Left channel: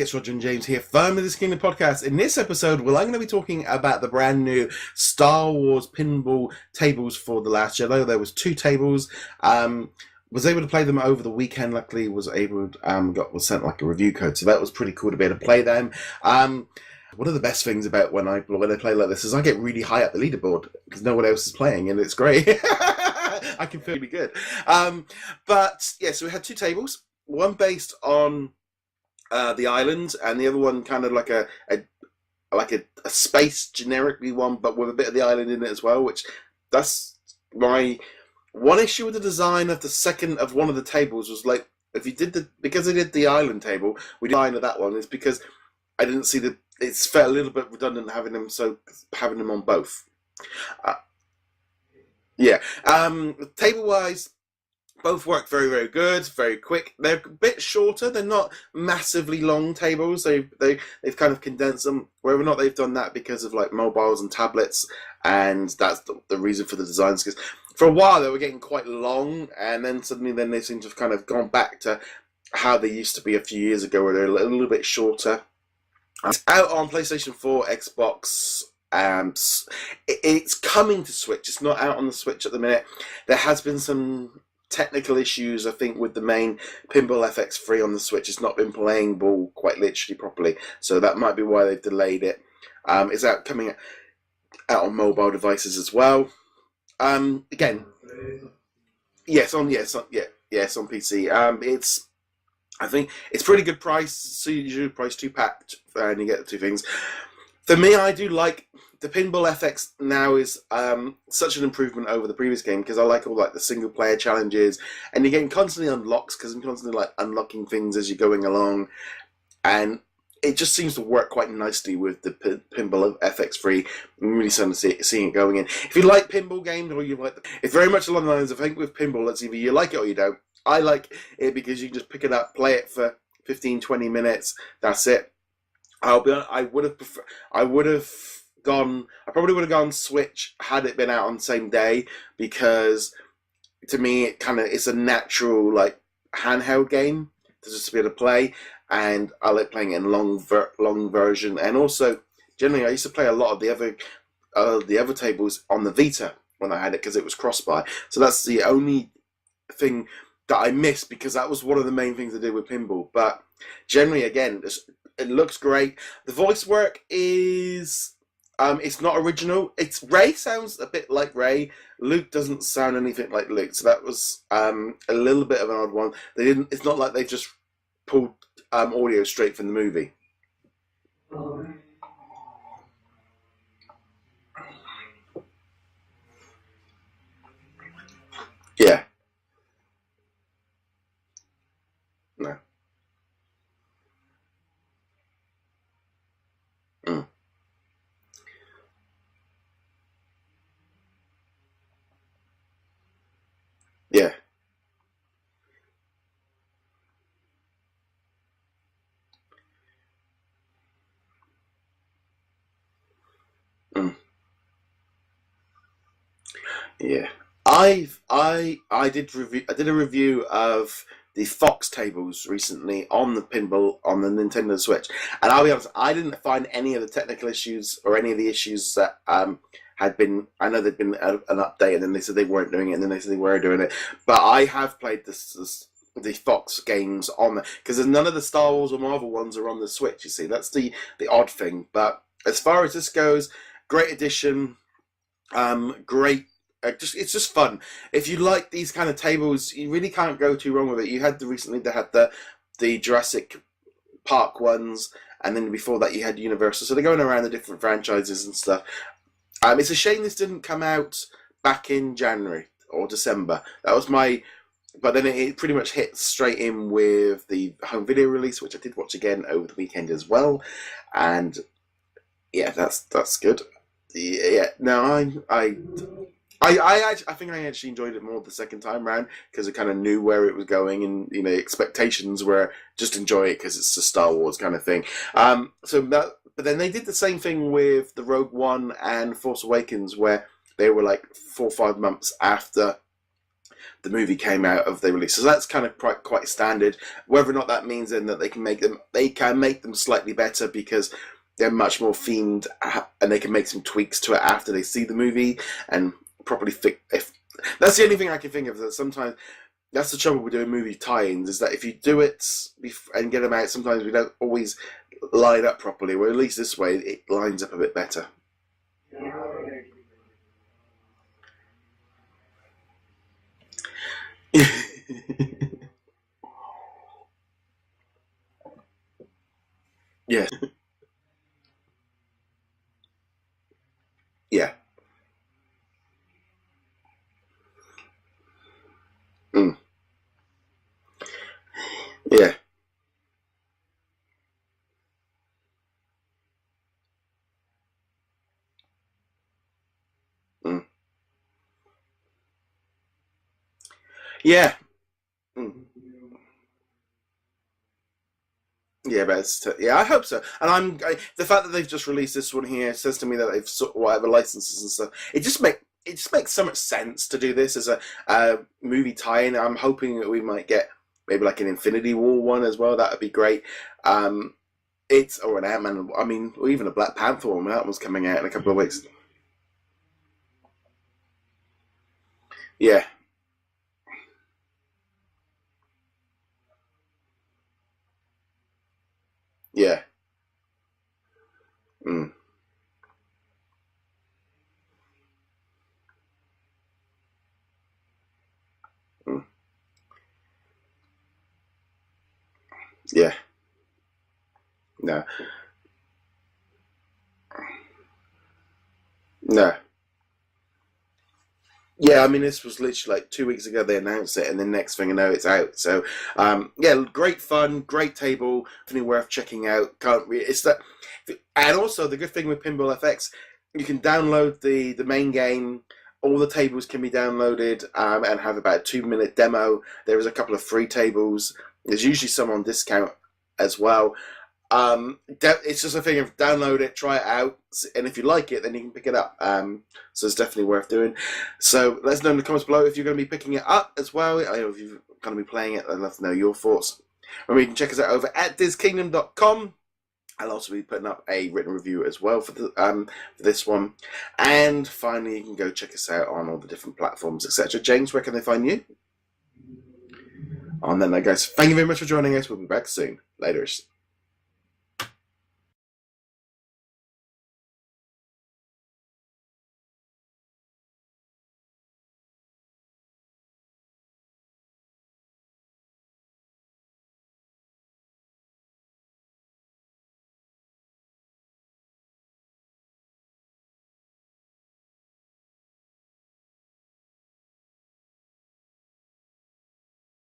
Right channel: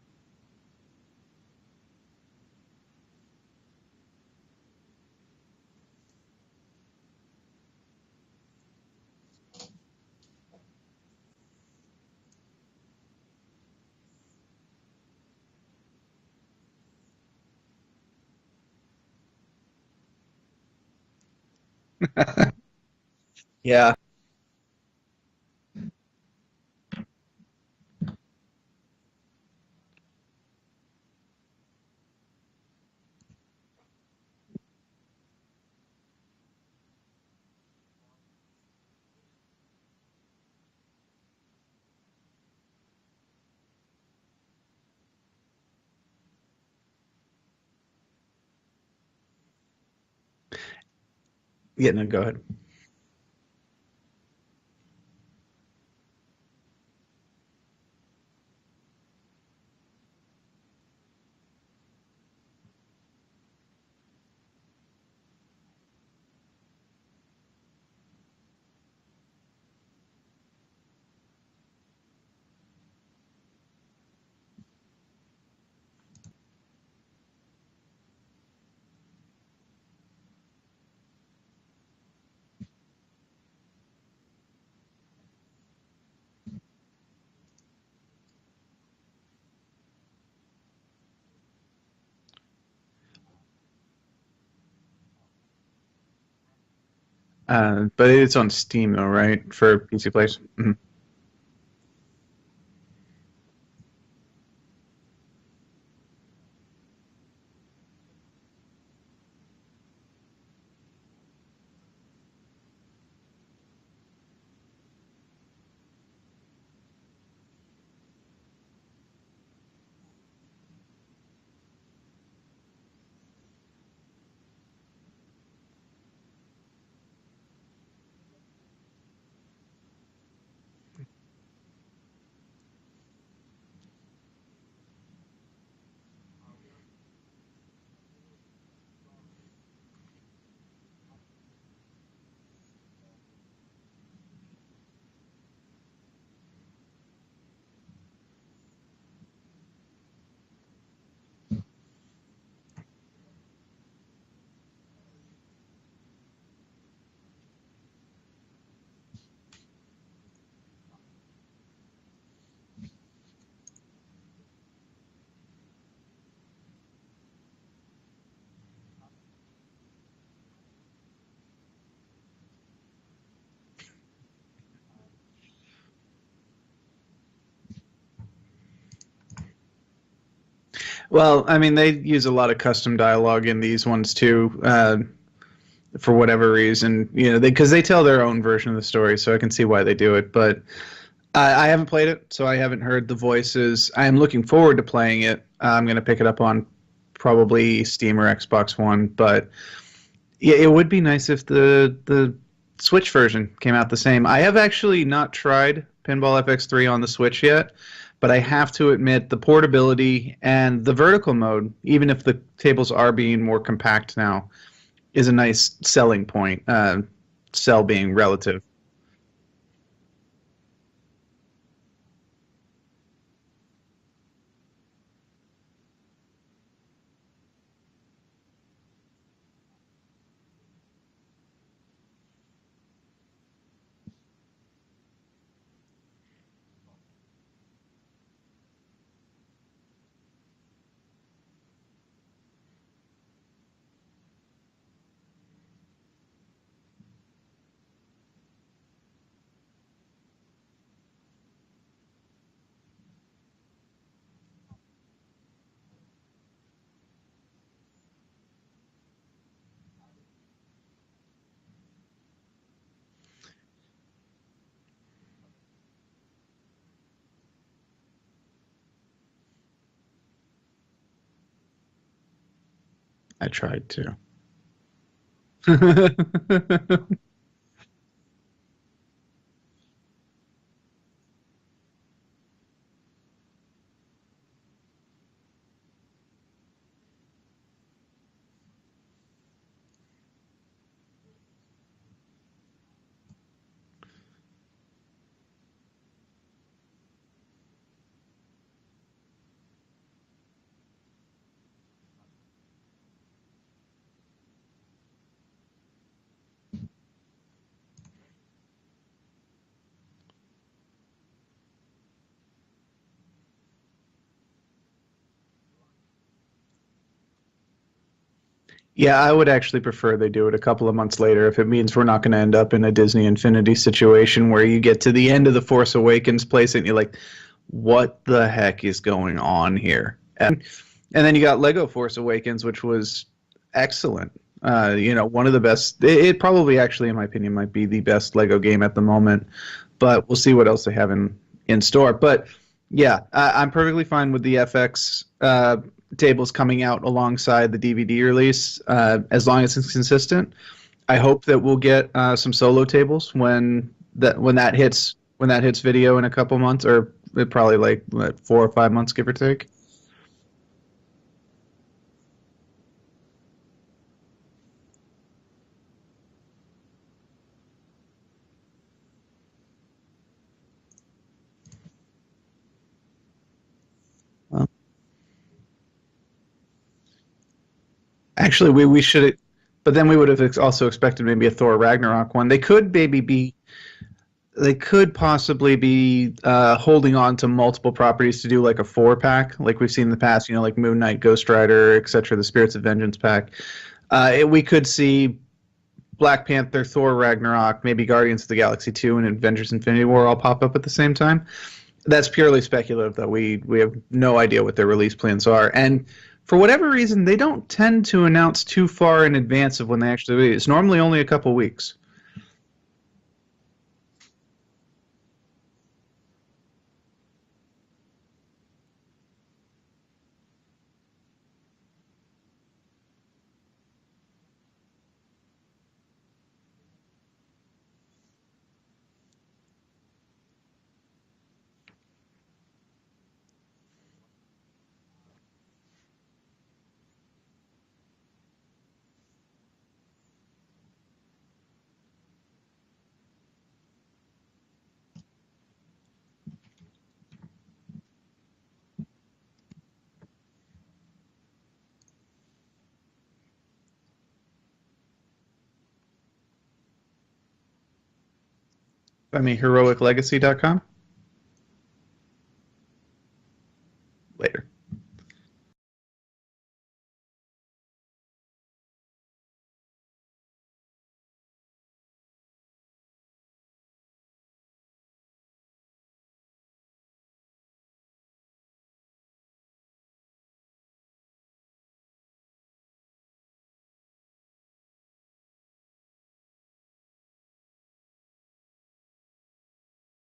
It's Roger and James here from the DisKingdom Podcast. In this episode, I'm going to be talking about the brand new Star Wars pinball tables for The Last Jedi. There was 2 tables. Was able to play them over the weekend. Luckily, was sent like a review code, so that was pretty cool to be able to play them. One of the best things about when I play like this is I get really high up the leaderboard because no one else is playing, and it's great. I get really good. But yeah, so we had 2 tables. One based on the island, and the other one kind of like a space generically one, but with a bit of the island in it as well. Which that's my one issue with the design of one of the tables was like because I did the island table, we design of that one is because I didn't see it's felt a little bit redundant having them on both. No, go ahead. Yeah, table wise. Both work very, very good, very quick. They're a bit shorter. They're not massively long tables. They've kind of condensed them. Whether or not they've done that because of like mobiles and tablets, and that's the reason for the designs. Because for a while they were getting quite long, and then suddenly they seem to have kind of gone back to how they used to be a few years ago, where they're a little bit shorter. It's out on PlayStation 4, Xbox. It's coming to Switch. It's not out on the Switch at the minute. There has been some technical issues, I think, with the main Pinball FX 3 on the Switch. It's not been playing ball quite literally properly, so that might be why they've delayed it. It's coming out on mobile devices as well. But it's on Steam though, right? Yeah, it's on PC players. Yeah, it's on PC. I think it's pretty good price. So you usually price 2-pack, and you get the 2 things. For me, I do like the Pinball FX now is such an improvement over the previous game because I like all the single player challenges, and you're getting constantly unlocks because I'm constantly unlocking things as you're going along, and it just seems to work quite nicely with the Pinball FX3. I'm really starting to seeing it going in. If you like pinball games or you like it's very much along the lines of I think with pinball, it's either you like it or you don't. I like it because you can just pick it up, play it for 15-20 minutes. That's it. I'll be honest, I probably would have gone Switch had it been out on the same day, because to me it's a natural handheld game to just be able to play, and I like playing it in long version. And also generally I used to play a lot of the other tables on the Vita when I had it because it was cross-buy. So that's the only thing that I missed, because that was one of the main things I did with pinball. But generally, again, it looks great. The voice work is it's not original. Ray sounds a bit like Ray. Luke doesn't sound anything like Luke, so that was a little bit of an odd one. It's not like they just pulled audio straight from the movie. Well, I mean, they use a lot of custom dialogue in these ones too, for whatever reason. Because they tell their own version of the story, so I can see why they do it. But I haven't played it, so I haven't heard the voices. I am looking forward to playing it. I'm going to pick it up on probably Steam or Xbox One, but yeah, it would be nice if the Switch version came out the same. I have actually not tried Pinball FX3 on the Switch yet, but I have to admit the portability and the vertical mode, even if the tables are being more compact now, is a nice selling point. Being relative. I did a review of the Fox tables recently on the Nintendo Switch, and I'll be honest, I didn't find any of the technical issues or any of the issues that had been. I know there'd been an update, and then they said they weren't doing it, and then they said they were doing it. But I have played the Fox games on there because none of the Star Wars or Marvel ones are on the Switch. You see, that's the odd thing. But as far as this goes, great addition. Great. It's just fun. If you like these kind of tables, you really can't go too wrong with it. You had the Jurassic Park ones, and then before that you had Universal. So they're going around the different franchises and stuff. It's a shame this didn't come out back in January or December. That was but then it pretty much hit straight in with the home video release, which I did watch again over the weekend as well, and yeah, that's good. I tried to. Yeah, no, I think I actually enjoyed it more the second time round because I kind of knew where it was going, and expectations were just enjoy it because it's a Star Wars kind of thing. But then they did the same thing with the Rogue One and Force Awakens, where they were like 4 or 5 months after the movie came out of the release. So that's kind of quite standard. Whether or not that means then that they can make them slightly better because they're much more themed, and they can make some tweaks to it after they see the movie and properly fix. If that's the only thing I can think of, that sometimes that's the trouble with doing movie tie-ins, is that if you do it and get them out, sometimes we don't always line up properly. Where at least this way it lines up a bit better. Yeah, I would actually prefer they do it a couple of months later if it means we're not going to end up in a Disney Infinity situation where you get to the end of the Force Awakens place and you're like, what the heck is going on here? Yeah. And then you got Lego Force Awakens, which was excellent. Yeah. One of the best. It probably actually, in my opinion, might be the best Lego game at the moment. But we'll see what else they have in store. But yeah, I'm perfectly fine with the FX tables coming out alongside the DVD release, as long as it's consistent. I hope that we'll get some solo tables when that hits video in a couple months, or probably like 4 or 5 months, give or take. I hope so. And the fact that they've just released this one here says to me that they've whatever licenses and stuff. It just makes so much sense to do this as a movie tie-in. I'm hoping that we might get maybe like an Infinity War one as well. That would be great. Or an Ant-Man. I mean, or even a Black Panther one when that was coming out. Actually, we should. But then we would have also expected maybe a Thor Ragnarok one. They could maybe be. They could possibly be holding on to multiple properties to do like a 4-pack, like we've seen in the past, like Moon Knight, Ghost Rider, etc., the Spirits of Vengeance pack. We could see Black Panther, Thor Ragnarok, maybe Guardians of the Galaxy 2 and Avengers Infinity War all pop up at the same time. That's purely speculative, but we have no idea what their release plans are. And for whatever reason, they don't tend to announce too far in advance of when they actually release. It's normally only a couple of weeks. Yeah, I mean, this was literally like 2 weeks ago they announced it, and the next thing I know, it's out. So, great fun, great table, definitely worth checking out. And also, the good thing with Pinball FX, you can download the main game. All the tables can be downloaded and have about a 2-minute demo. There is a couple of free tables. There's usually some on discount as well. It's just a thing of download it, try it out, and if you like it, then you can pick it up. So it's definitely worth doing. So let us know in the comments below if you're going to be picking it up as well. I know if you're going to be playing it, I'd love to know your thoughts. Remember, you can check us out over at DisKingdom.com. I'll also be putting up a written review as well for this one. And finally, you can go check us out on all the different platforms, etc. James, where can they find you? Find me heroiclegacy.com. And then, guys, thank you very much for joining us. We'll be back soon. Later.